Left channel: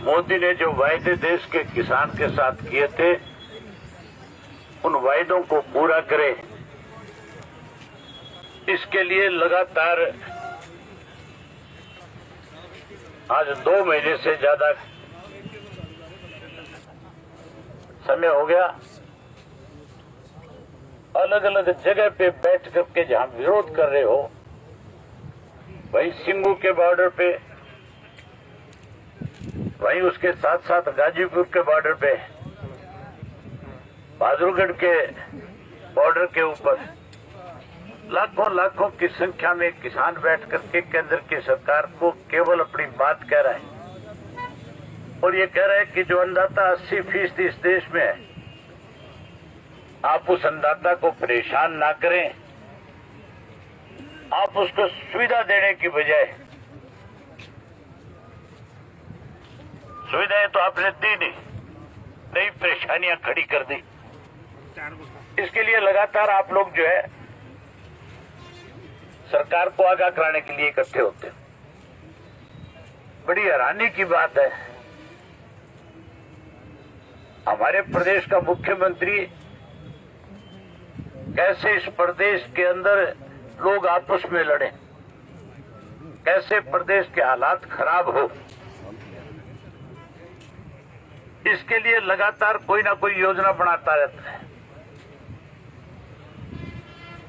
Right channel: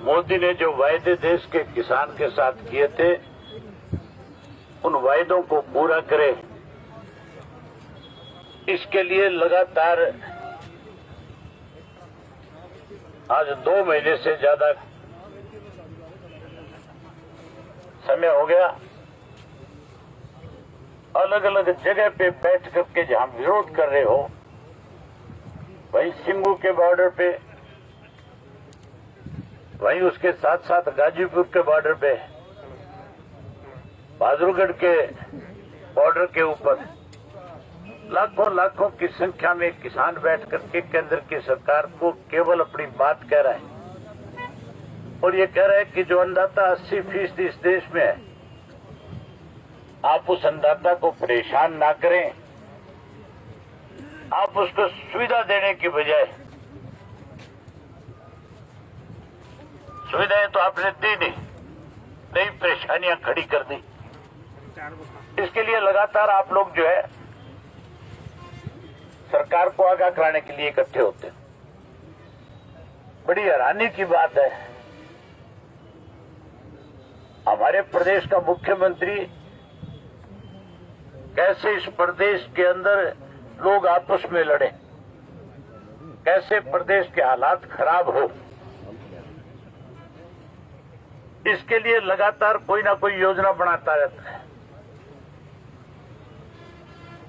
मोदी ने जो वायदे देश के किसान के साथ किए थे, उन वायदों को पूरा करे, इसके लिए लगातार आज 2 महीने से ज्यादा समय हो गया, अलग अलग जगह पे बैठ करके जहां विरोध कर रहे हो, वहीं सिंगू के बॉर्डर पे, वहीं उसके साथ साथ गाजीपुर के बॉर्डर पे, बहादुरगढ़ के बॉर्डर के ऊपर लाखों लाखों की संख्या में किसान बैठ करके केंद्र की सरकार को केवल अपनी बात कह रहे हैं और ये कह रहे हैं कि जो अन्नदाता 80% इस देश में है, आप उस अन्नदाता को परेशान ना करें, आप उसको सुविधा देने की बजाय, सुविधाएं तो आपने दी नहीं, नई परेशानियां खड़ी कर दी। इसके लिए लगातार आप लोग जो है सरकार को आगाह कराने के लिए इकट्ठे होते हैं। बड़ी हैरानी की बात है, हमारे प्रदेश का मुख्यमंत्री कैसे इस प्रदेश के अंदर लोग आपस में लड़े, कैसे प्रदेश के हालात खराब हो, इसके लिए लगातार कोई ना कोई योजना बनाता रहता है।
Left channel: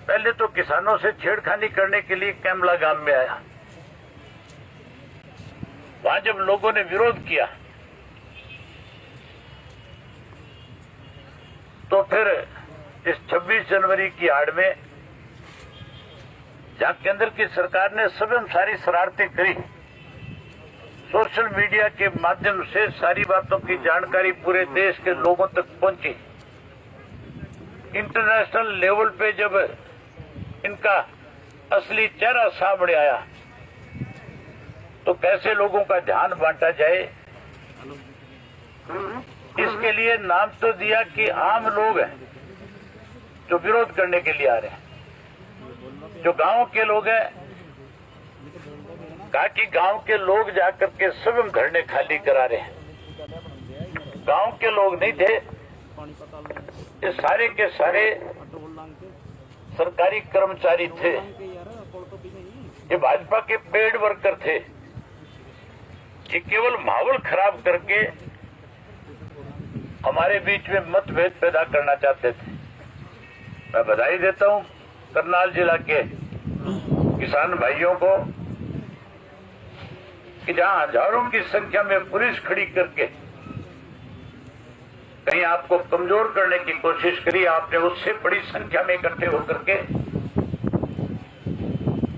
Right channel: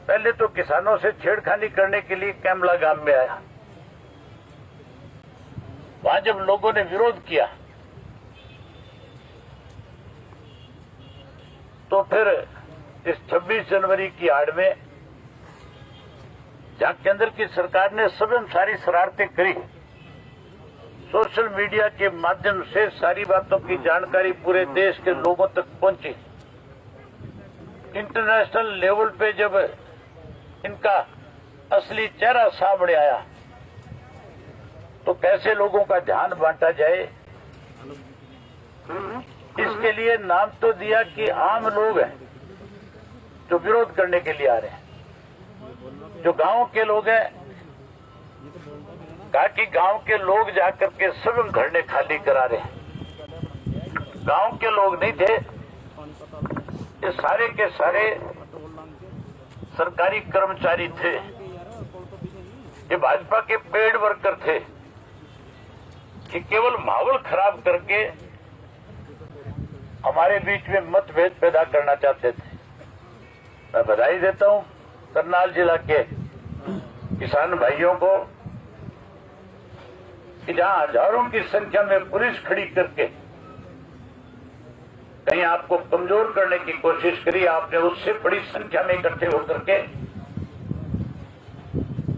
पहले तो किसानों से छेड़खानी करने के लिए कैमला गांव में आया, वहां जब लोगों ने विरोध किया तो फिर इस 26 जनवरी की आड़ में जहां केंद्र की सरकार ने स्वयं सारी शरारतें करी, सोशल मीडिया के माध्यम से सारी बातों की जानकारी पूरे देश के लोगों तक पहुंची, इंटरनेशनल लेवल पे जब इनका असली चेहरा सामने आया तो कैसे लोगों का ध्यान बांटा जाए, इसके लिए नाम तो दिया कि आम लोग हैं जो विरोध करने के लिए आ रहे हैं, जो गांव के लोग हैं, कहा कि गांव के लोग जाकर के स्वयं धरने खाली करा रहे हैं। गांव के लोग नहीं थे, ये सारे के सारे सरकारी कर्मचारी थे, ये भाजपा के पेड वर्कर थे, ये केवल माहौल खराब करके हमारे बीच में मतभेद पैदा करना चाहते थे। मैं बधाई देता हूं करनाल जिला के किसान भाइयों को कि जहां हजारों की संख्या में पुलिस खड़ी करके कहीं आपको कमजोर करने की कोशिश करी, आपने उससे बड़ी संख्या में इकट्ठे होकर के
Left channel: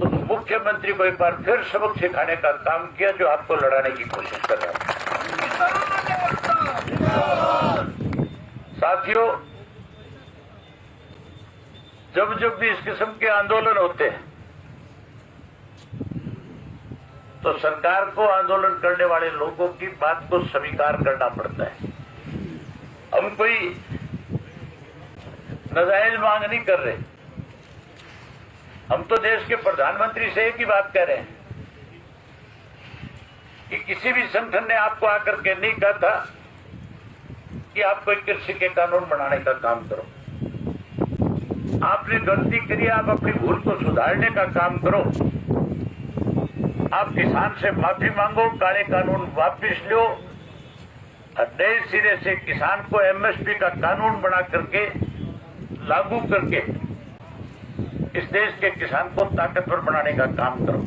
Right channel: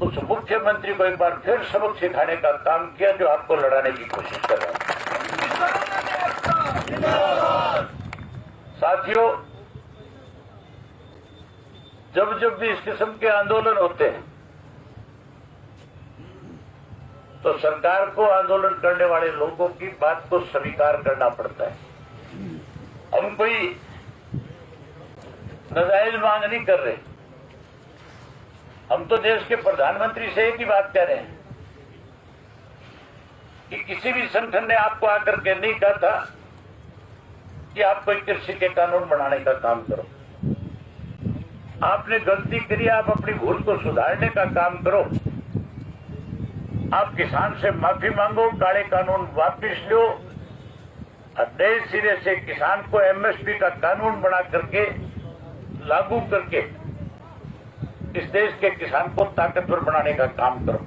उस मुख्यमंत्री को एक बार फिर सबक सिखाने का काम किया जो आपको लड़ाने की कोशिश कर रहा था। साथियों, जब जब भी इस किस्म के आंदोलन होते हैं तो सरकार को आंदोलन करने वाले लोगों की बात को स्वीकार करना पड़ता है। हम कोई नाजायज मांग नहीं कर रहे, हम तो देश के प्रधानमंत्री से एक ही बात कह रहे हैं कि किसी भी संगठन ने आपको आकर के नहीं कहा था कि आप कोई कृषि के कानून बनाने का काम करो। आपने गलती करी, आप अपनी भूल को सुधारने का काम करो। आप किसान से माफी मांगो, काले कानून वापिस लो, नए सिरे से किसान को एमएसपी का कानून बना करके लागू करके इस देश के किसान को ताकतवर बनाने का काम करो।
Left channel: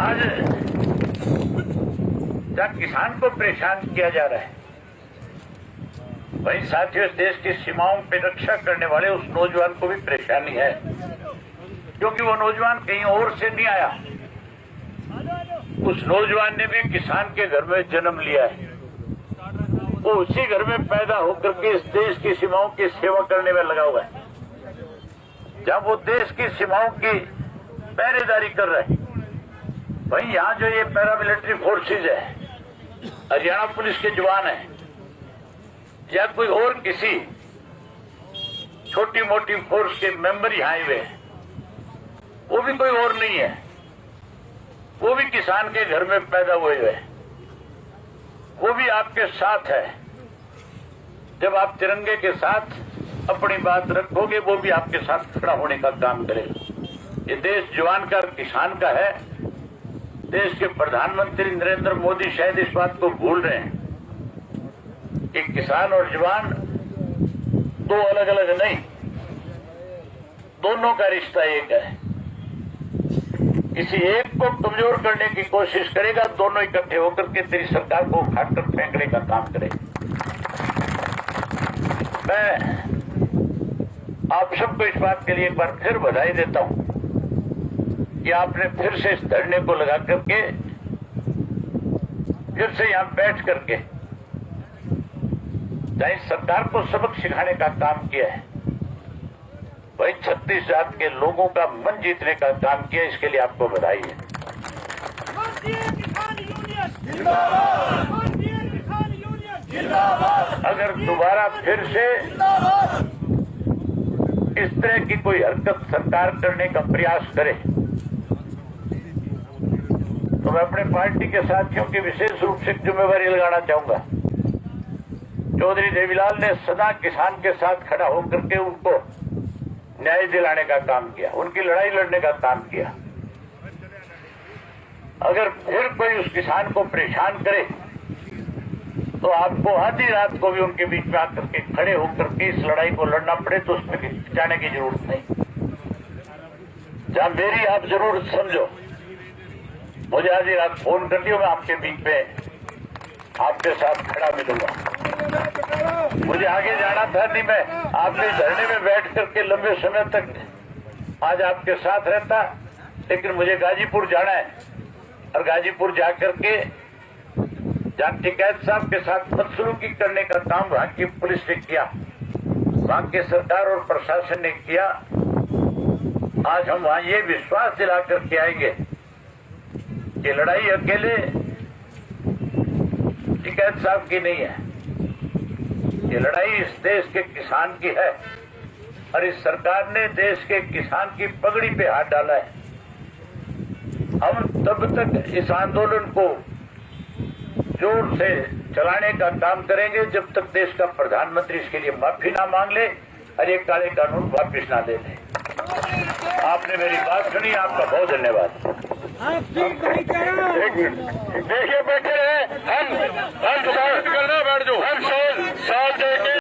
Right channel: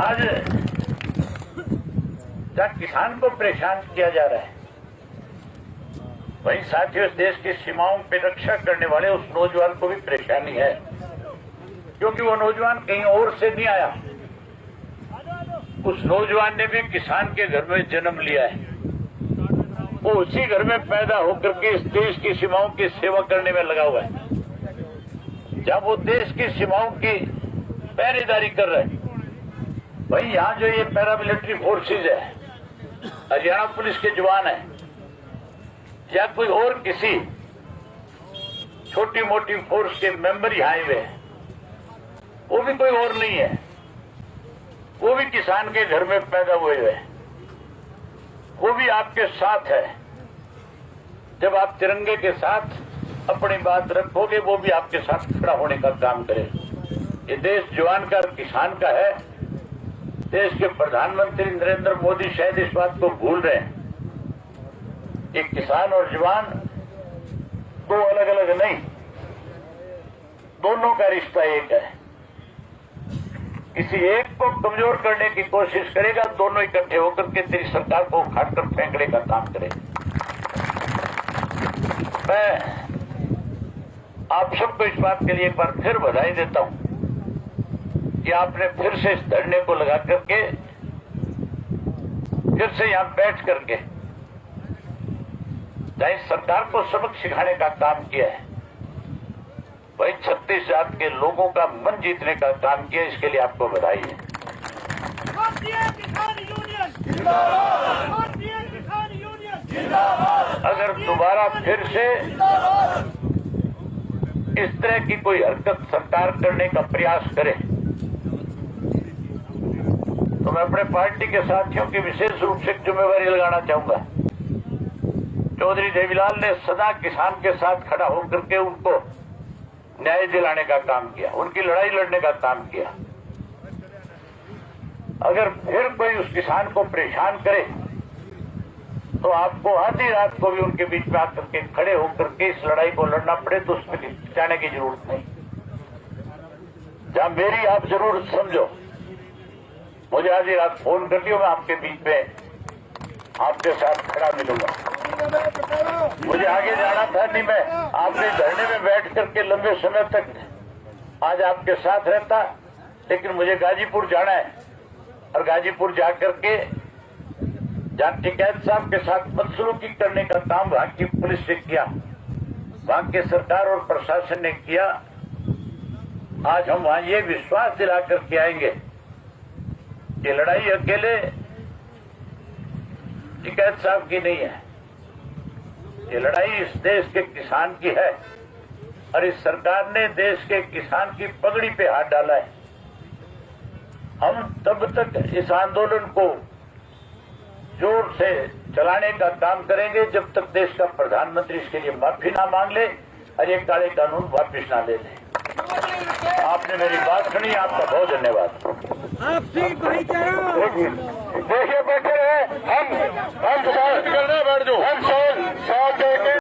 आज जहां किसान को परेशान किया जा रहा है, वही साथियों इस देश की सीमाओं पे रक्षा करने वाले उस नौजवान को भी परेशानी है, क्योंकि वो नौजवान कहीं और से नहीं आया। उस नौजवान ने भी किसान के घर में जन्म लिया है, वो उसी घर में पैदा होकर के इस देश की सीमाओं की सेवा करने में लगा हुआ है। जब वो देश की सीमाओं की पहरेदारी कर रहे हैं, वहीं यहाँ जो ये पैरामिलिट्री फोर्सेज है, हरियाणा पुलिस के जवान है या कोई और किसी छोटी मोटी फोर्स के मेंबर यहाँ आए हुए हैं, वो भी कोई और नहीं है, वो भी किसान के घर में पैदा हुए हैं। वो भी आपके साथ है। जब आप तिरंगे के साथ अपनी बात रखोगे, वो भी आपके साथ खड़ा होने का काम करेगा। ये देश जवान का और किसान का है। देश के प्रधानमंत्री नरेंद्र मोदी शायद इस बात को भूल रहे हैं कि किसान और जवान दो अलग अलग नहीं, दोनों का रिश्ता एक है। किसी एक को कमजोर करने की कोशिश करेगा, दोनों इकट्ठे होकर के तेरी सरकार को उखाड़कर फेंकने का काम करेगा। मैं आप सबको इस बात के लिए एक बार फिर बधाई देता हूं कि आपने फिर से इस धरने को लगा करके फिर से यहां बैठ करके सरकार को सबक सिखाने का काम किया है। भाई 36 जात के लोगों का मन जीतने का काम किया, इसके लिए आपको बधाई है। अगर दोबारा फिर से इस तरह की कोई हरकत सरकार करने का प्रयास करे तो मैं अपने पार्टी के साथियों की विशेष रूप से जिम्मेवारी लगाना चाहूंगा। चौधरी देवीलाल ने सदा किसान के साथ खड़ा होकर के उनको न्याय दिलाने का काम किया, उनकी लड़ाई लड़ने का काम किया। अगर फिर कोई उस किसान को परेशान करे तो आपको आधी रात को भी उनके बीच में आकर के खड़े होकर के इस लड़ाई को लड़ना पड़े तो उसमें जाने की जरूरत नहीं। जहां मेरी आप जरूरत समझो, मुझे आधी रात फोन कर दियो, मैं आपके बीच में आपके साथ खड़ा मिलूंगा। मुझे आगे जाना था नहीं, मैं आपके धरने में बैठ करके लंबे समय तक आज आपके साथ रहता, लेकिन मुझे गाजीपुर जाना है और गाजीपुर जाकर के जहां टिकैत साहब के साथ बदसलूकी करने का काम वहां की पुलिस ने किया, वहां की सरकार और प्रशासन ने किया। आज हम वहां ये विश्वास दिला करके आएंगे कि लड़ाई अकेले टिकैत साहब की नहीं है, ये लड़ाई इस देश के किसान की है और इस सरकार ने देश के किसान की पगड़ी पे हाथ डाला है। हम तब तक इस आंदोलन को जोर से चलाने का काम करेंगे जब तक देश का प्रधानमंत्री इसके लिए माफी ना मांग ले और ये काले कानून वापिस ना ले ले। आपने मेरी बात सुनी, आपका बहुत धन्यवाद। आपसी भाईचारा देखिए बैठे हैं हम बैठ जाओ, हम साथ